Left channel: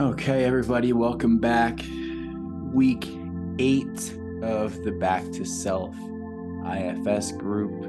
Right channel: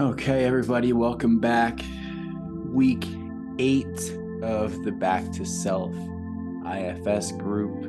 Okay, everybody, welcome back. Week 8 of the Back to Self IFS group.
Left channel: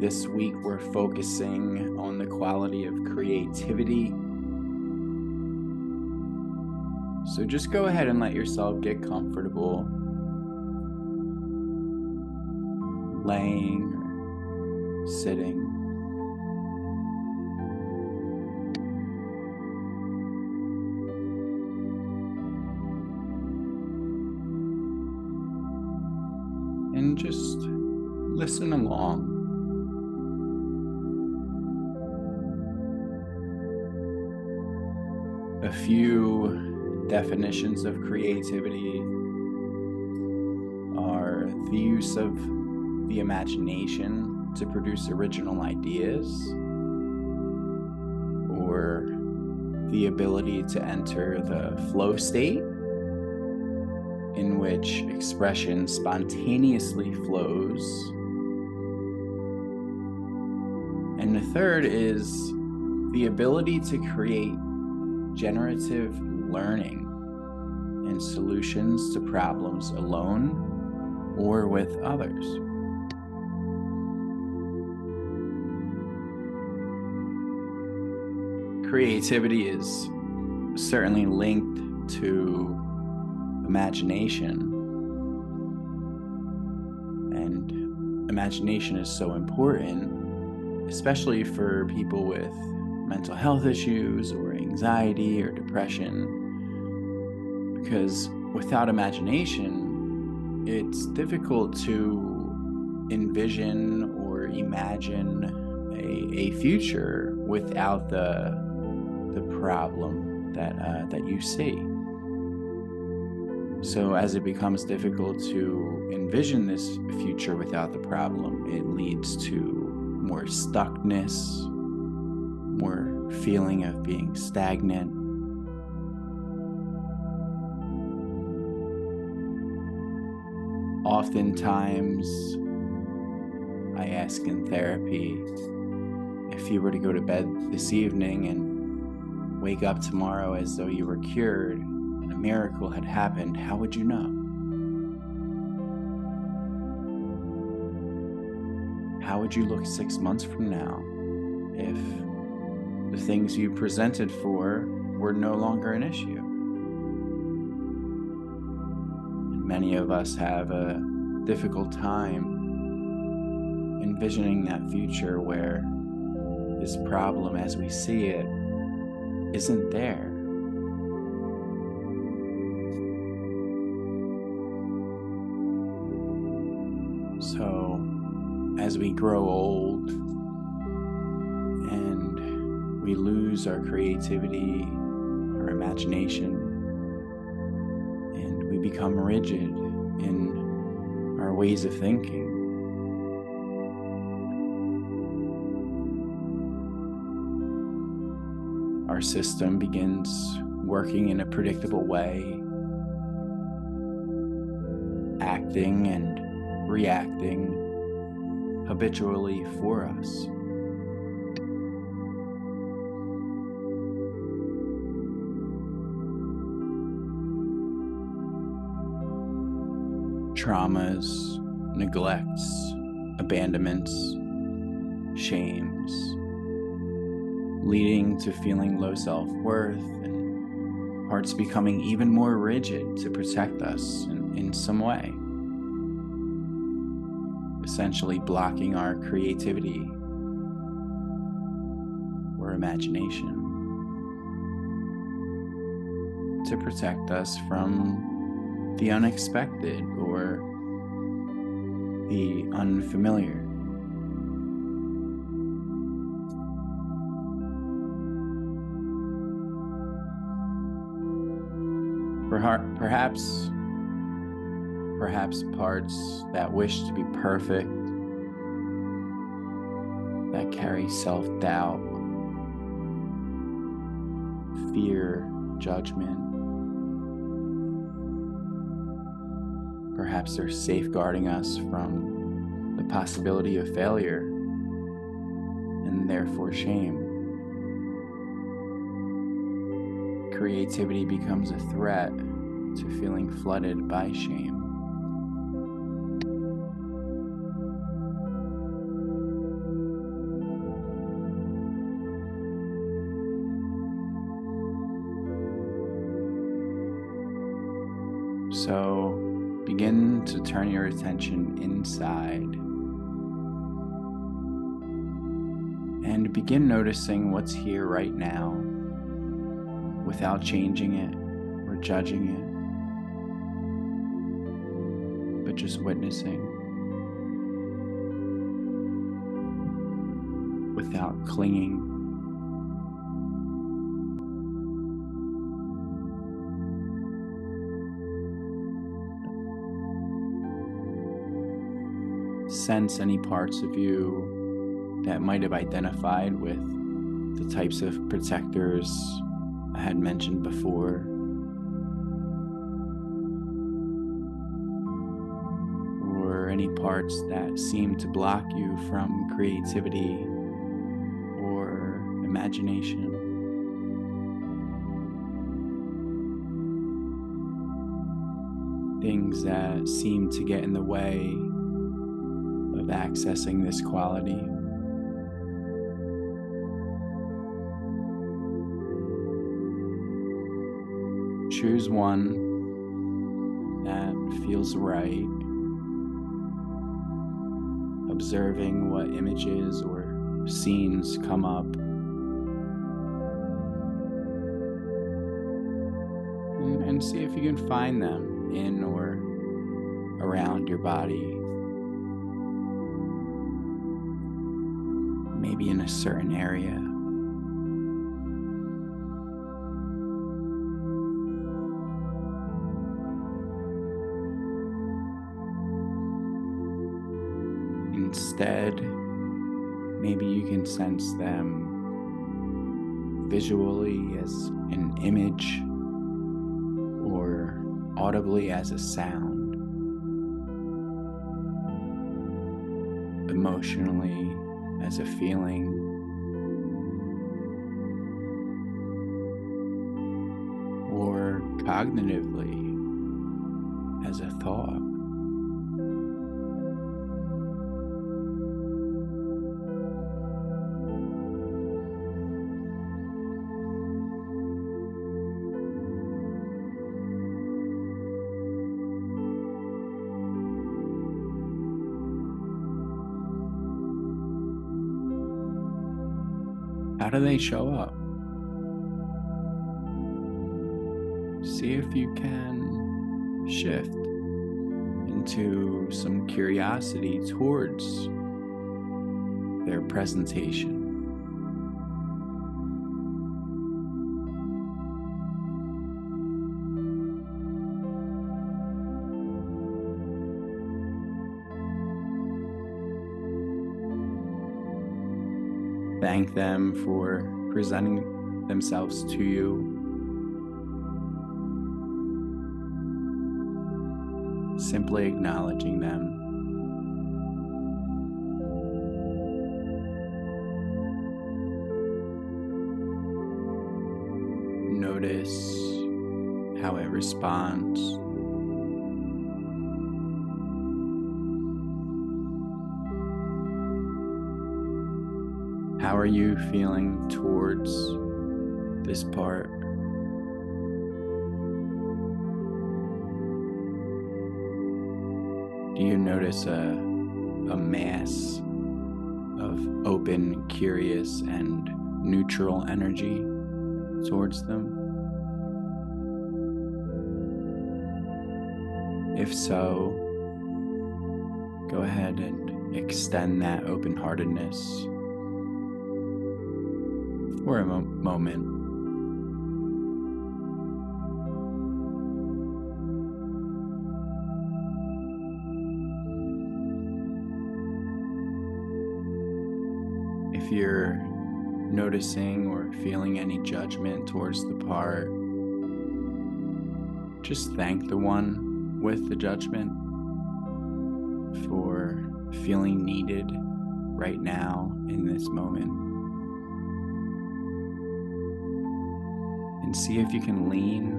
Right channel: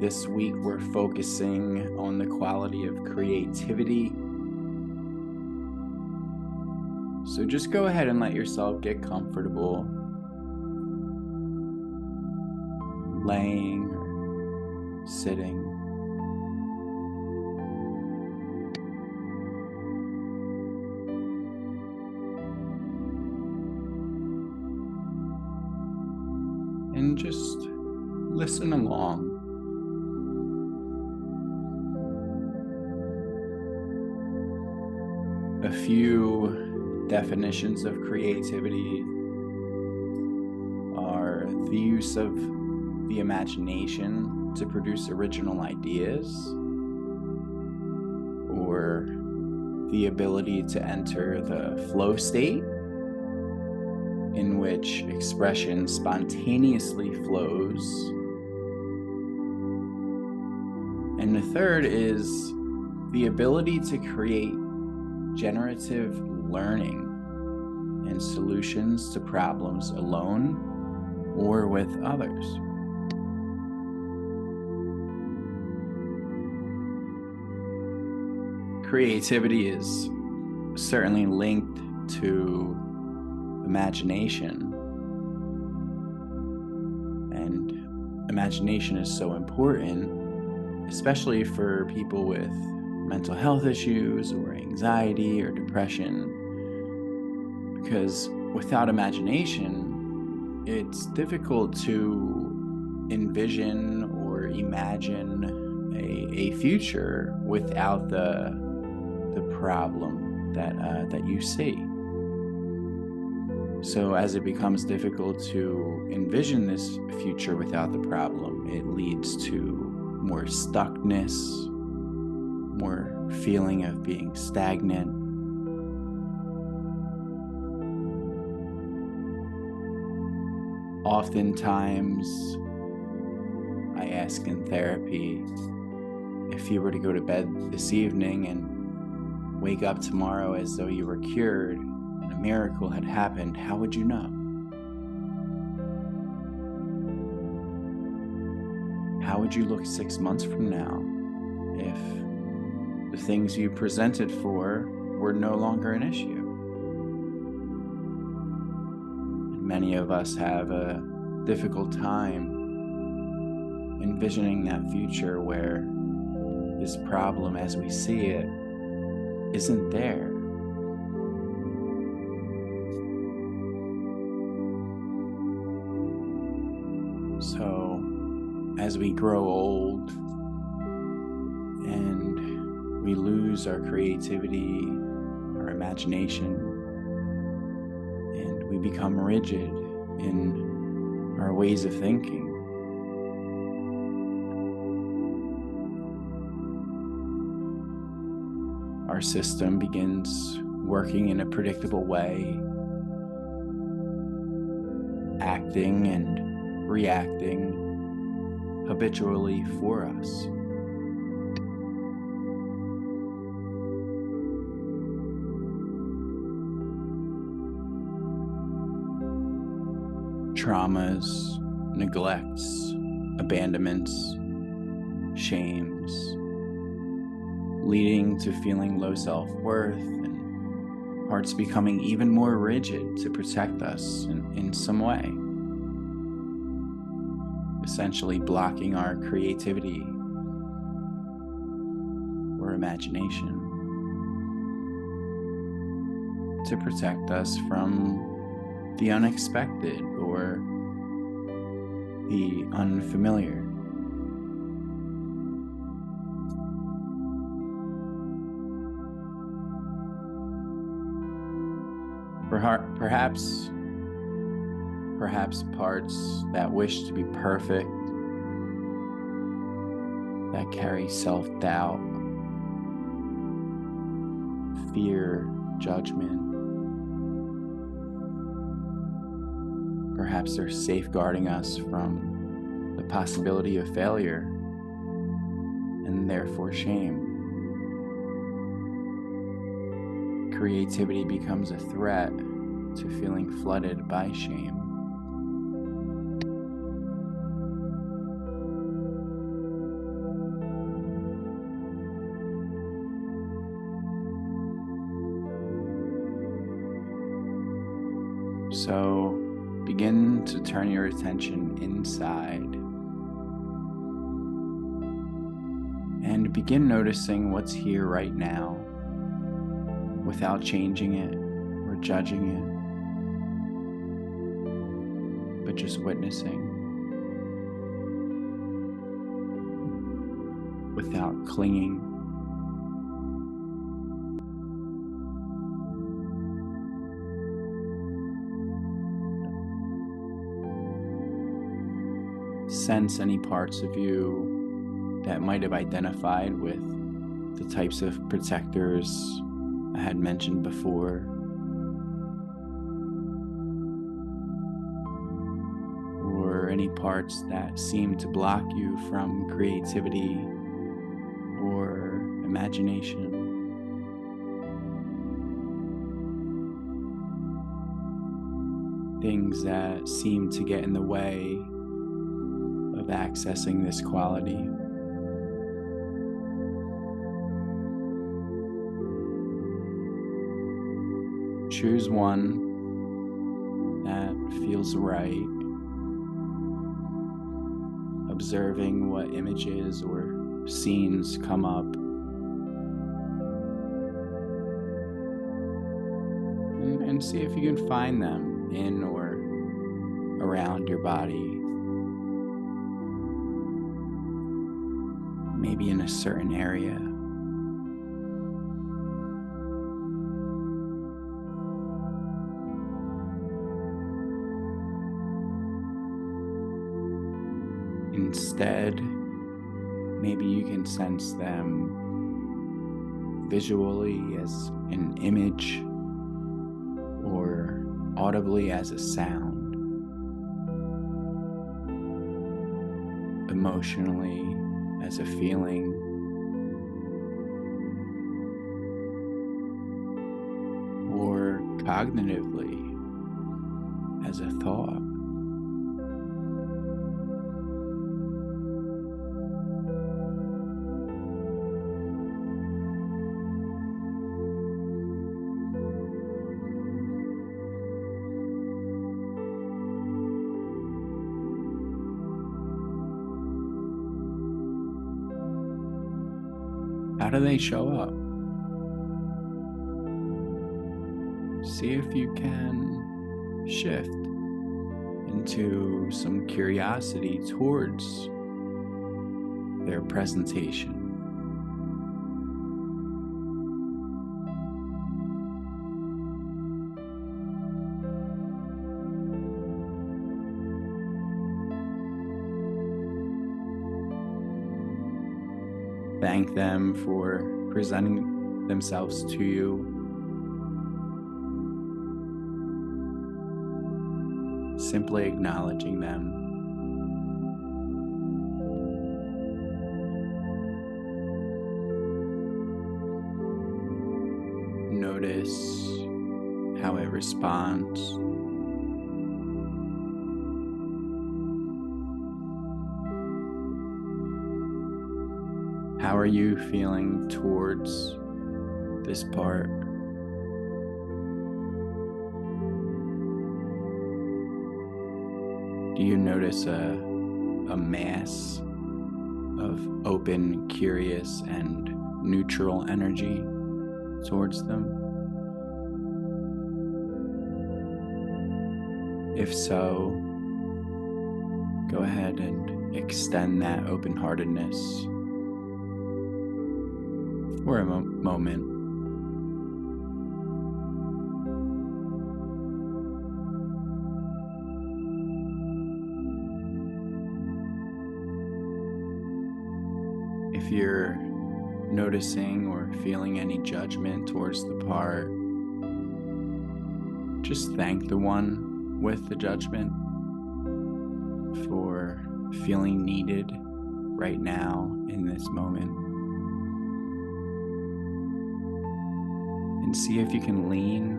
This week, we're focusing on the quality of creativity. So just go ahead and let yourself get comfortable, laying or sitting. And just listen along. A few definitions of creativity are the use of the imagination to produce original ideas, or the ability to enter the flow state, in which expression spontaneously flows. And the third is the ability to create generative learning and solutions to problems alone or with others. Creativity is certainly linked to imagination, and imagination is so important, especially for people with mental health issues or anxiety or depression, because without imagination, it's difficult to envision or imagine a future without the problem that you see. So as it becomes difficult to envision this future without the problem, it leads to more stuckness, more feeling of being stagnant. Oftentimes, I ask in therapy, if you were to go to bed this evening and wake up tomorrow as though you were cured and a miracle had happened, how would you know? How would you look 6 months from now if the things you presented for were no longer an issue? And many of us have a difficult time envisioning that future where this problem as we see it isn't there. So as we grow old and we lose our creativity, our imagination, and we become rigid in our ways of thinking, our system begins working in a predictable way, acting and reacting habitually for us. Traumas, neglects, abandonments, shames, leading to feeling low self-worth and hearts becoming even more rigid to protect us in some way, essentially blocking our creativity or imagination to protect us from the unexpected or the unfamiliar. Perhaps parts that wish to be perfect, that carry self-doubt, fear, judgment. Perhaps they're safeguarding us from the possibility of failure and therefore shame. creativity becomes a threat to feeling flooded by shame. So begin to turn your attention inside and begin noticing what's here right now without changing it or judging it, but just witnessing without clinging. Sense any parts of you that might have identified with the types of protectors I had mentioned before, or any parts that seem to block you from creativity or imagination. Things that seem to get in the way of accessing this quality. Choose one that feels right, observing what images or scenes come up, and see if you can find them in or around your body. Maybe in a certain area. Instead, maybe you can sense them visually as an image or audibly as a sound, emotionally as a feeling, or cognitively as a thought. How do they show up? See if you can shift into some curiosity towards their presentation. Thank them for presenting themselves to you. Simply acknowledging them. Notice how it responds. How are you feeling towards this part? Do you notice a mass of open, curious, and neutral energy towards them? If so, go ahead and extend that open-heartedness for a moment. If you're noticing or feeling any judgment towards the part, just thank the one with the judgment for feeling needed right now in this moment. and see if you can lean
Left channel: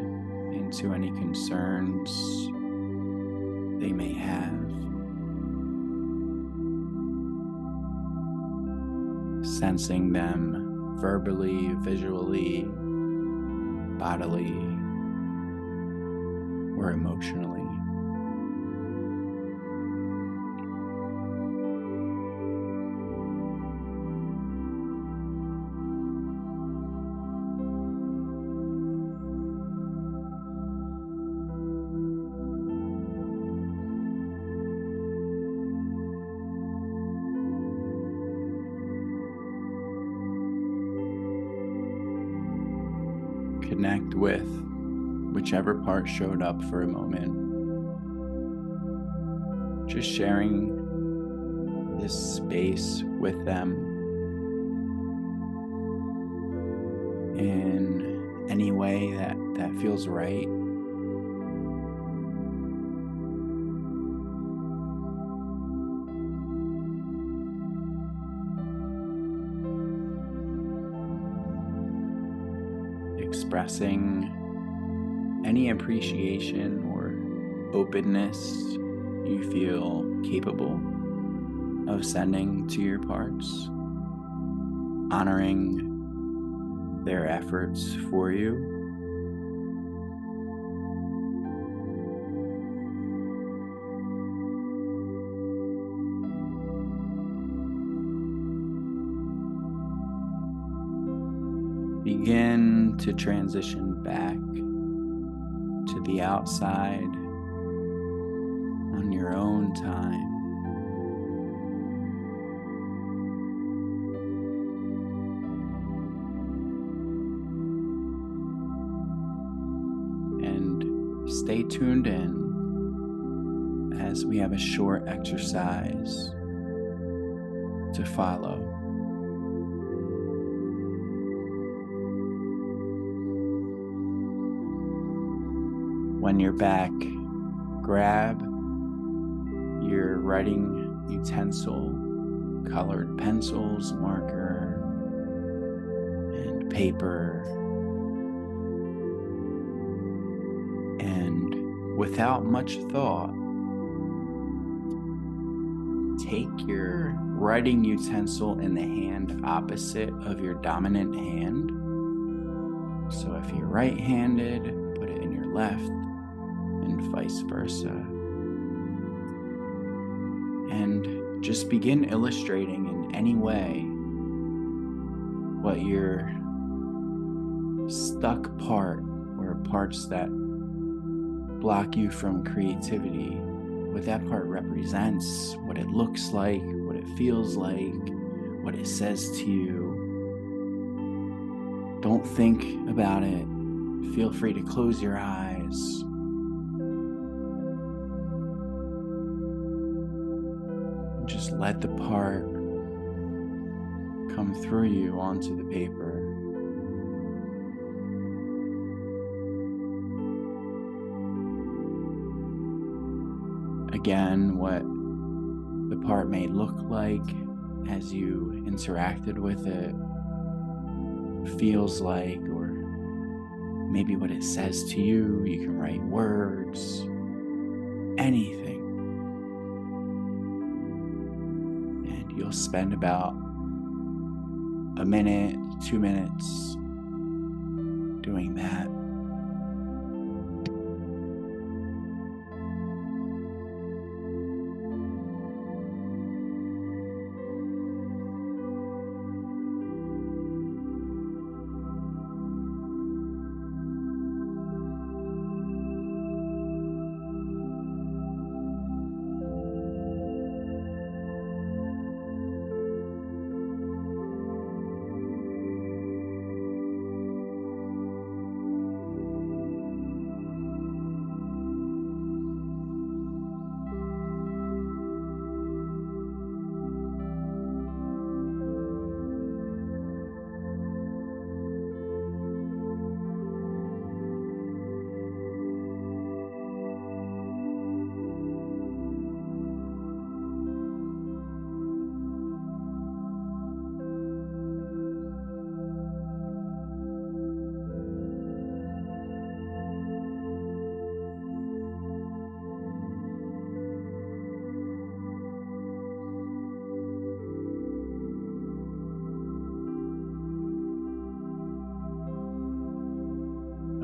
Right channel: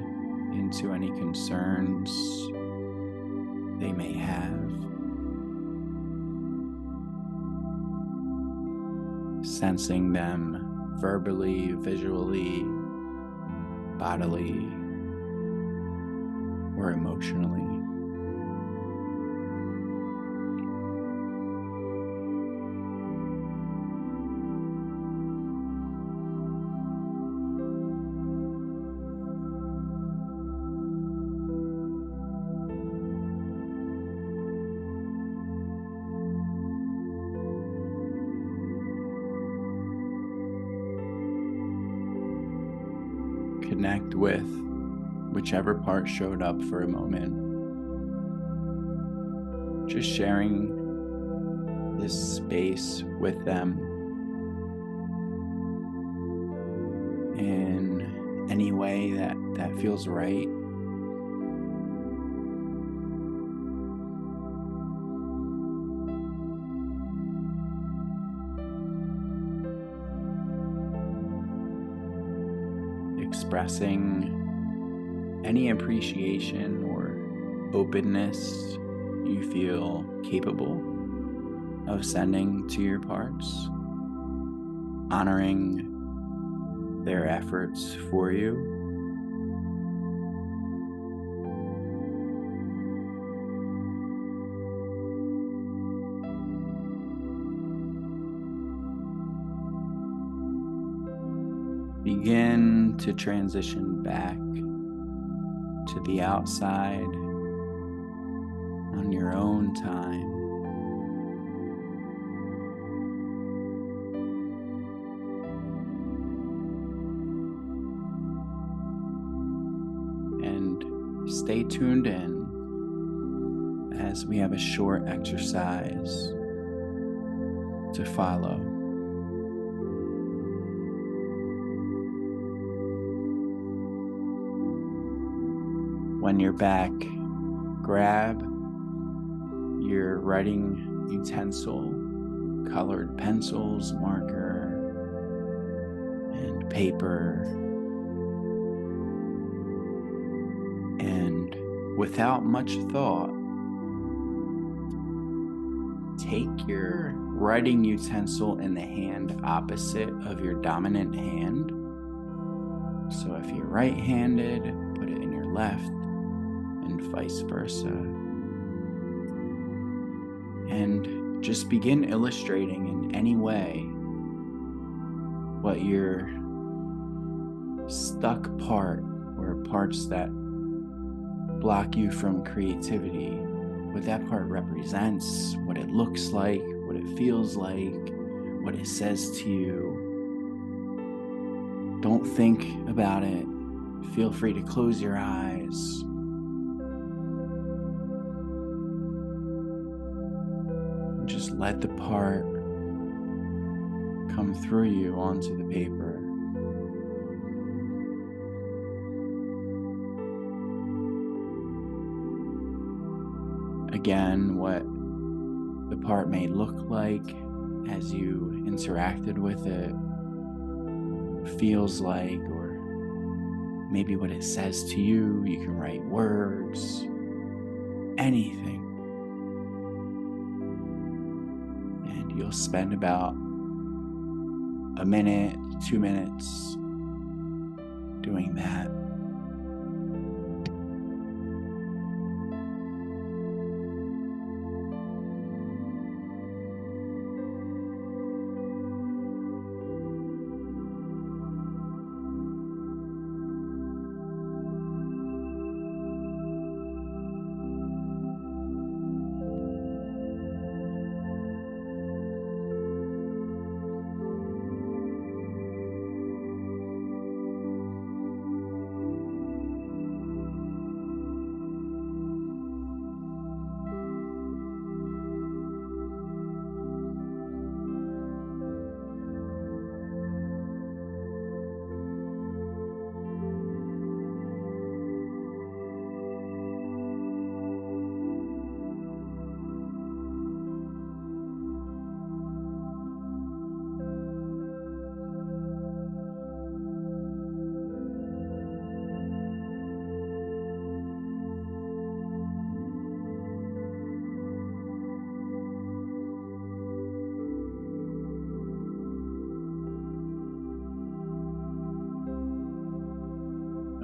into any concerns they may have. Sensing them verbally, visually, bodily, or emotionally. Connect with whichever part showed up for a moment. Just sharing this space with them in any way that feels right. Expressing any appreciation or openness you feel capable of sending to your parts, honoring their efforts for you. Begin to transition back to the outside on your own time. And stay tuned in as we have a short exercise to follow. When you're back, grab your writing utensil, colored pencils, marker, and paper, and without much thought, take your writing utensil in the hand opposite of your dominant hand. So if you're right-handed, put it in your left, and vice versa. And just begin illustrating in any way what your stuck part, or parts that block you from creativity, what that part represents, what it looks like, what it feels like, what it says to you. Don't think about it. Feel free to close your eyes. Just let the part come through you onto the paper. Again, what the part may look like as you interacted with it, feels like, or maybe what it says to you. You can write words, anything. And you'll spend about a minute, 2 minutes doing that.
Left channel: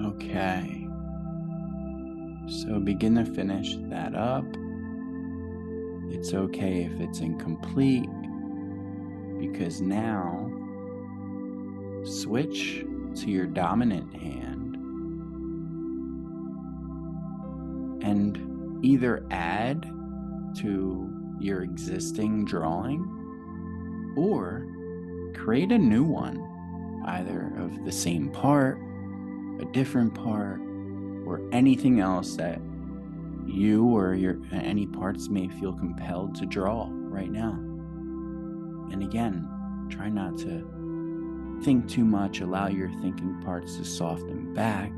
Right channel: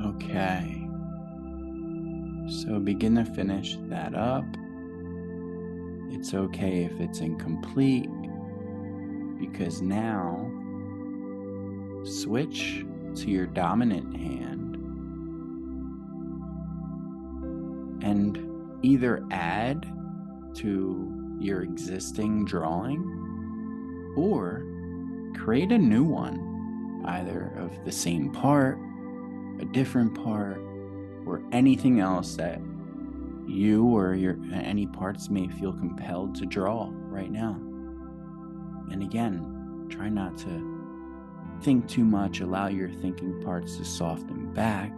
Okay. So begin to finish that up. It's okay if it's incomplete, because now switch to your dominant hand and either add to your existing drawing or create a new one, either of the same part, a different part, or anything else that you or any parts may feel compelled to draw right now. And again, try not to think too much. Allow your thinking parts to soften back.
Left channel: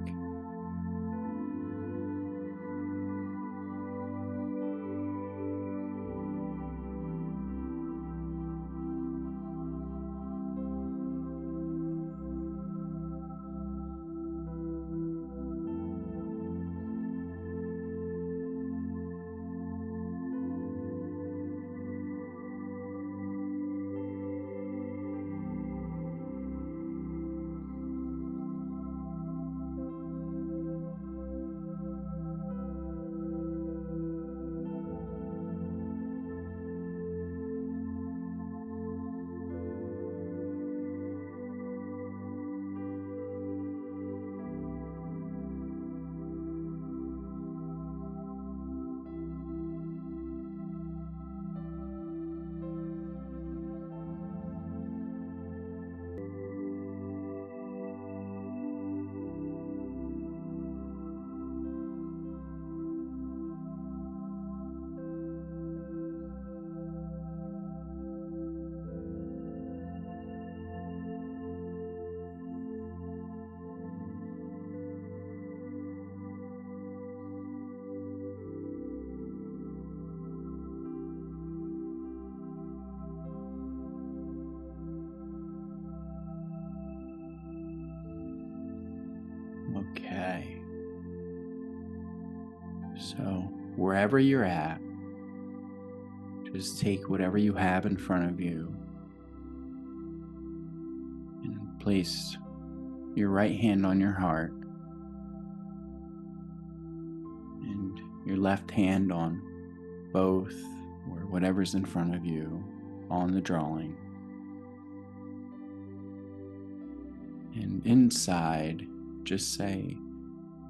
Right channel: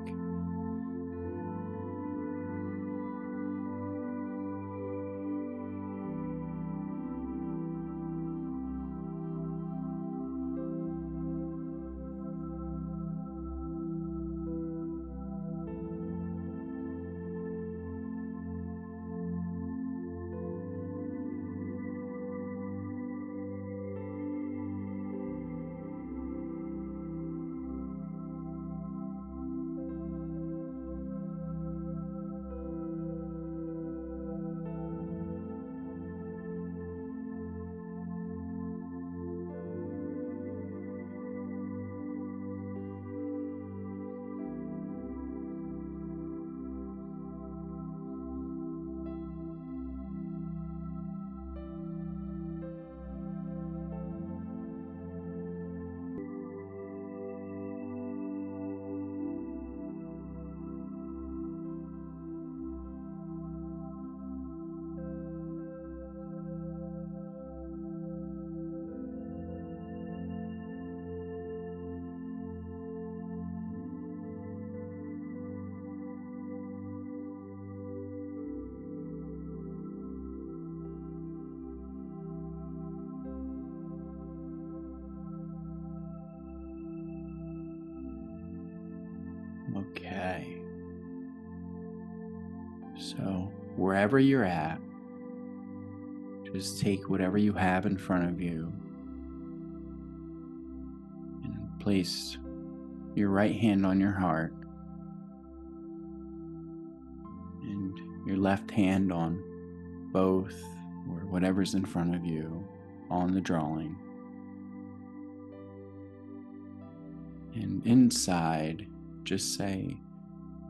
Okay. So wherever you're at, just take whatever you have in front of you and place your right hand on your heart and your left hand on both, or whatever's in front of you on the drawing. And inside, just say,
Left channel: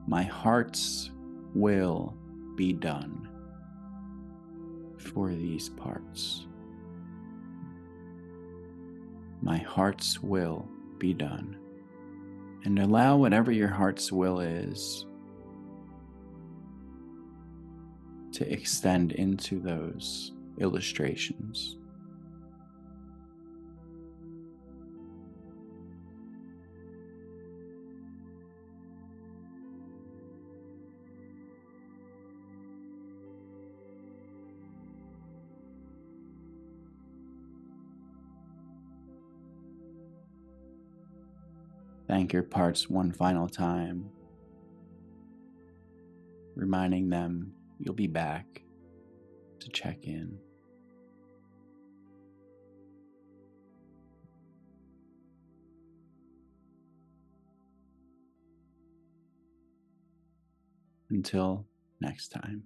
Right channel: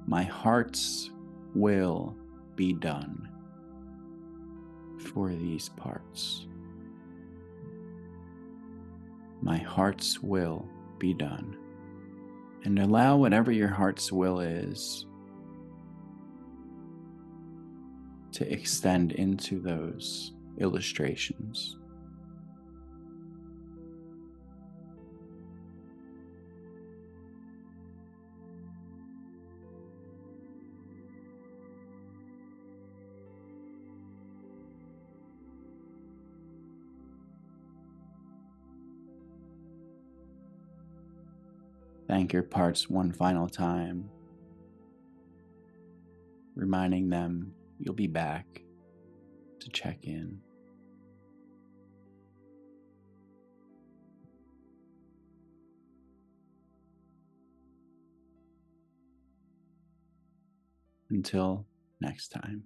"My heart's will be done for these parts. My heart's will be done." And allow whatever your heart's will is to extend into those illustrations. Thank your parts one final time, reminding them you'll be back to check in. Until next time.